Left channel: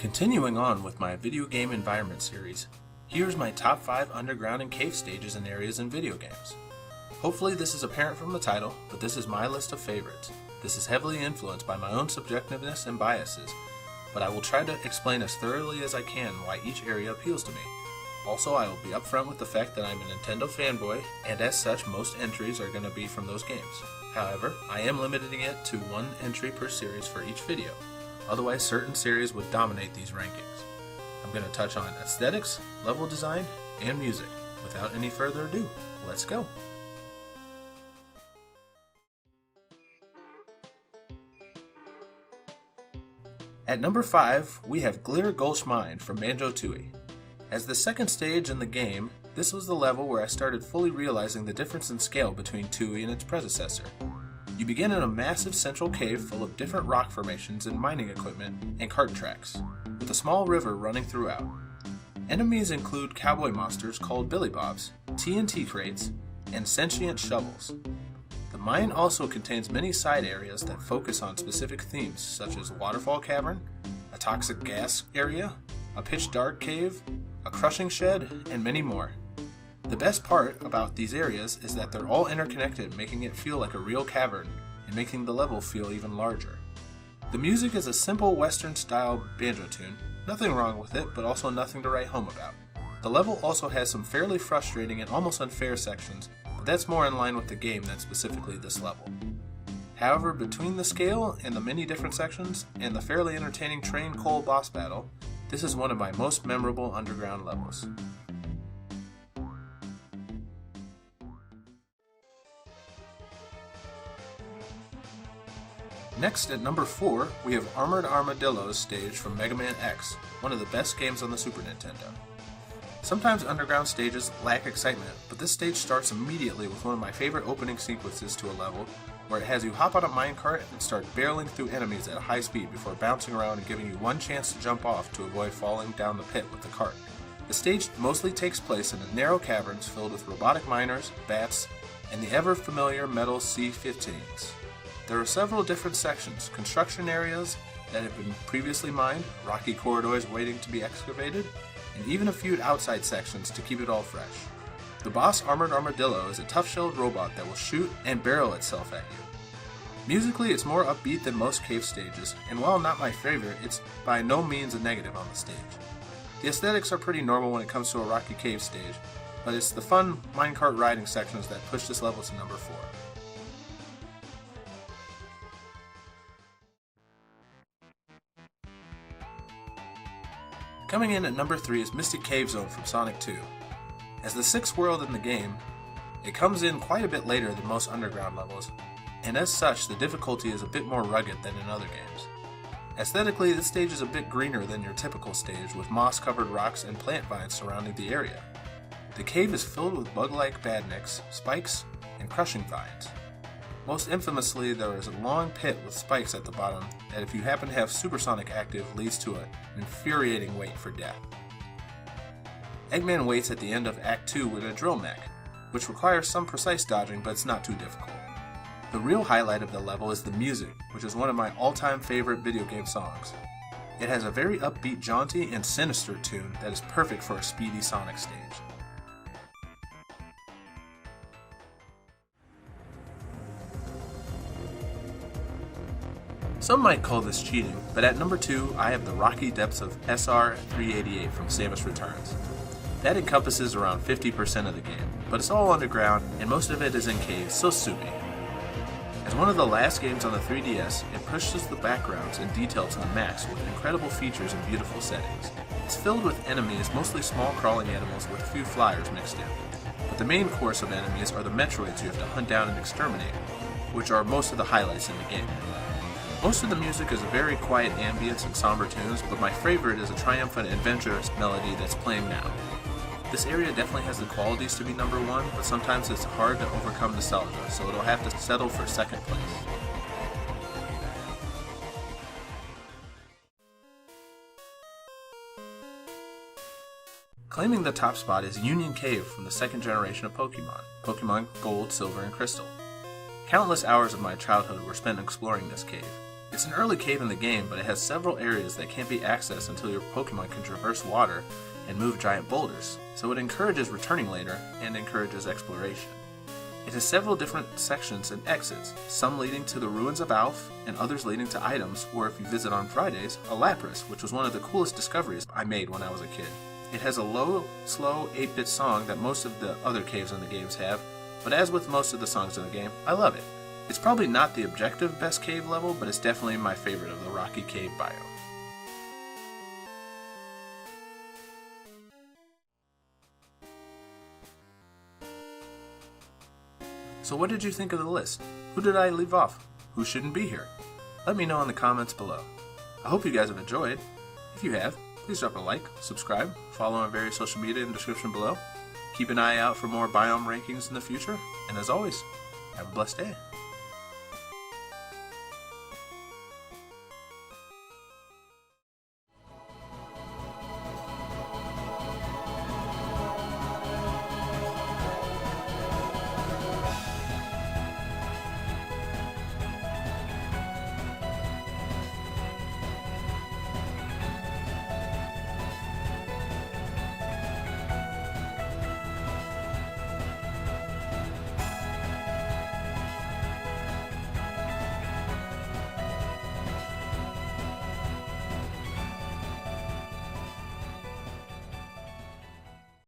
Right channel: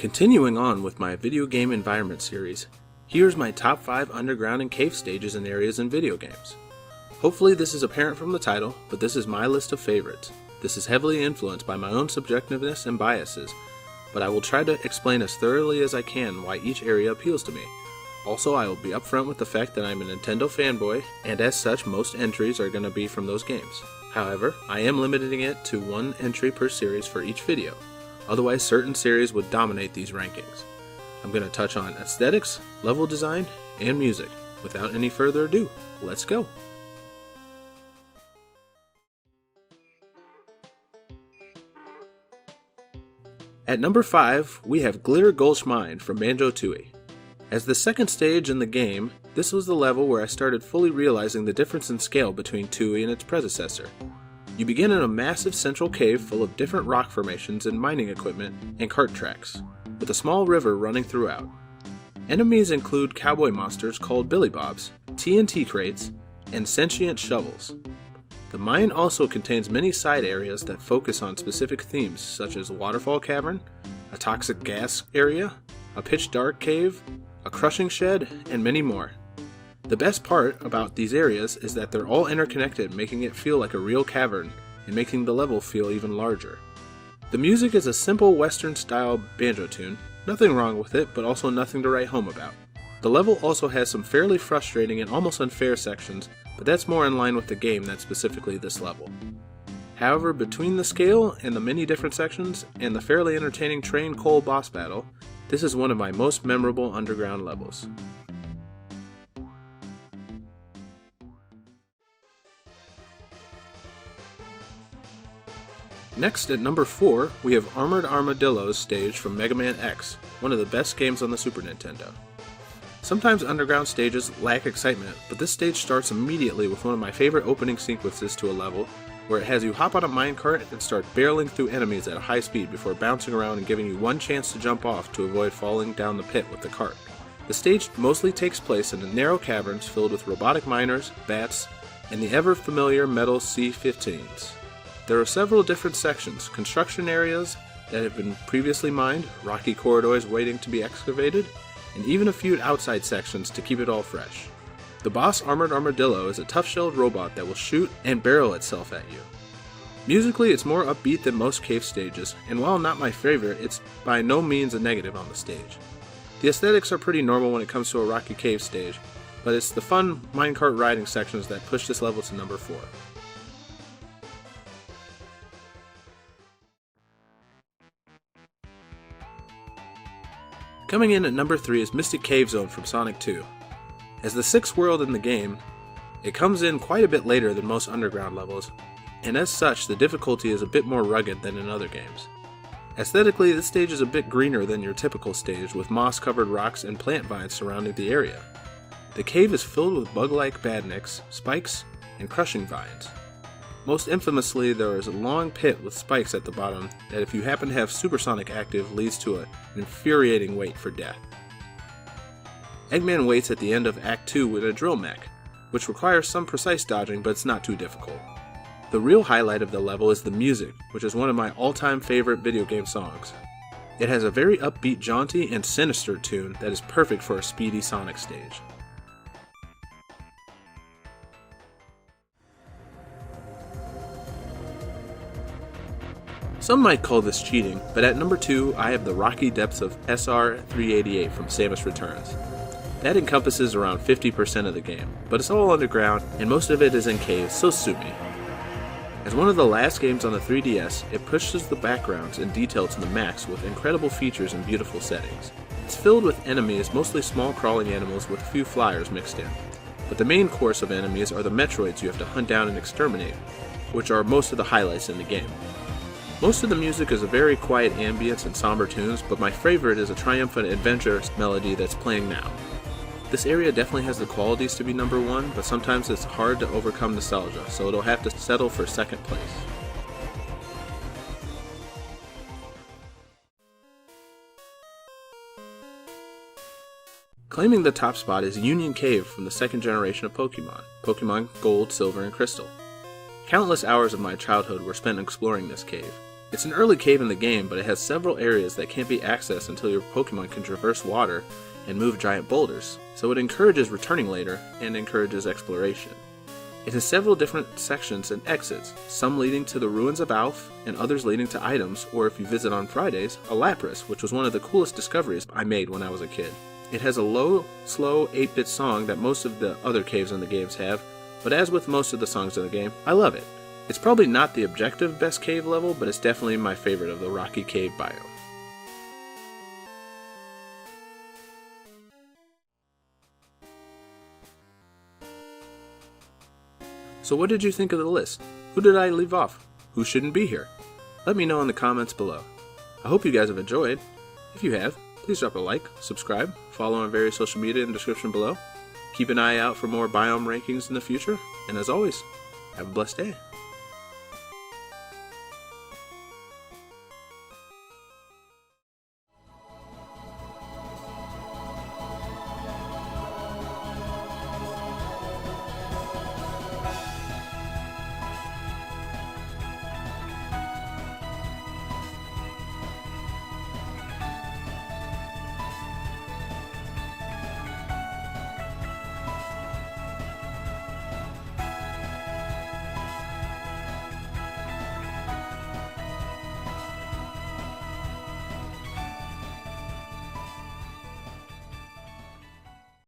Continuing on with my video game environment series, here's my top 5 underground and cave stages and areas in video games. Hopefully this is apparent from the title, but this is my list of favorites. This is heavily influenced by my own subjectiveness and biases, but I will try to explain as thoroughly as I can why each area appeals to me. Also, I will be upfront with the fact that I'm a Nintendo fanboy, and as such most entries are going to be from those games. However, I am limiting it to one entry per series for each video. Otherwise, certain series would dominate these rankings. I'm going to touch on aesthetics, level design, and music. Without any further ado, let's go! At number 5, we have Gulch Mine from Banjo-Tooie. As the second stage in the game, this was the level where I started fully realizing the difference in scale between Tooie and its predecessor. You begin in a massive central cave full of different rock formations and mining equipment and cart tracks, with a small river running throughout. Enemies include cowboy monsters called Billy Bobs, TNT crates, and sentient shovels. The mine also contains many side areas that focus on specific themes such as a waterfall cavern, a toxic gas area, a pitch dark cave, a crushing shed, and many more. The best part about these areas is that they're all interconnected, making it feel like a real cavern and making the level feel even larger. The music is a simple western style banjo tune, nothing wrong with it, but also nothing to write home about. The level also has some fairly frustrating and almost unfair sections, but that's more in line with the game than specifically this level. However, between the scale and the many different sections, and the fairly entertaining train coal boss battle, this is one of my most memorable underground levels. Next, at number 4, we have Armored Armadillo's stage from Mega Man X, one of the best games on the Super Nintendo. Sometimes underground stages lack excitement, but this stage starts immediately with one of my favorite opening sequences to a level, where it has you hop on a minecart and start barreling through enemies at a high speed before bouncing around and giving you one chance to jump off to avoid falling down the pit with the cart. The stage mostly takes place in narrow caverns filled with robotic miners, bats, and the ever-familiar metal C-15s. There are several different sections, construction areas that have been previously mined, rocky corridors waiting to be excavated, and even a few outside sections to keep it all fresh. The boss Armored Armadillo is a tough-shelled robot that will shoot and barrel itself at you. Musically, it's more upbeat than most cave stages, and while not my favorite, it's by no means a negative on the stage. The aesthetics are pretty normal when it comes to a rocky cave stage, but it's the fun minecart riding sections that push this level to number 4. Coming in at number 3 is Mystic Cave Zone from Sonic 2. As the 6th world in the game, it comes in quite a bit later than most underground levels, and as such the difficulty is a bit more rugged than in other games. Aesthetically, this stage is a bit greener than your typical stage, with moss-covered rocks and plant vines surrounding the area. The cave is filled with bug-like badniks, spikes, and crushing vines. Most infamously, there is a long pit with spikes at the bottom that, if you happen to have Supersonic active, leads to an infuriating wait for death. Eggman waits at the end of Act 2 with a drill mech, which requires some precise dodging, but it's not too difficult. The real highlight of the level is the music, which is one of my all-time favorite video game songs. It has a very upbeat, jaunty, and sinister tune that is perfect for a speedy Sonic stage. Some might call this cheating, but at number 2 I have the rocky depths of SR-388 from Samus Returns. That encompasses around 50% of the game, but it's all underground and most of it is in caves, so sue me. As one of the last games on the 3DS, it pushes the backgrounds and detail to the max with incredible features and beautiful settings. It's filled with enemies, mostly small crawling animals with a few flyers mixed in. But the main course of enemies are the Metroids you have to hunt down and exterminate, which are most of the highlights in the game. Most of the music is a very quiet ambience and somber tunes, but my favorite is a triumphant adventure melody that's playing now. This area definitely has the qualities to be number 1, but sometimes it's hard to overcome nostalgia, so it'll have to settle for second place. Claiming the top spot is Union Cave from the second generation of Pokemon Gold, Silver, and Crystal. Countless hours of my childhood were spent exploring this cave. It's an early cave in the game, but it has several areas that can't be accessed until your Pokemon can traverse water and move giant boulders, so it encourages returning later and encourages exploration. It has several different sections and exits, some leading to the ruins of Alph, and others leading to items, or if you visit on Fridays, a Lapras, which was one of the coolest discoveries I made when I was a kid. It has a low, slow 8-bit song that most of the other caves in the games have, but as with most of the songs in the game, I love it. It's probably not the objective best cave level, but it's definitely my favorite of the Rocky Cave biome. So what did you think of the list? Who did I leave off? Who shouldn't be here? Let me know in the comments below. I hope you guys have enjoyed. If you have, please drop a like, subscribe, follow on various social media in the description below. Keep an eye out for more biome rankings in the future, and as always, have a blessed day.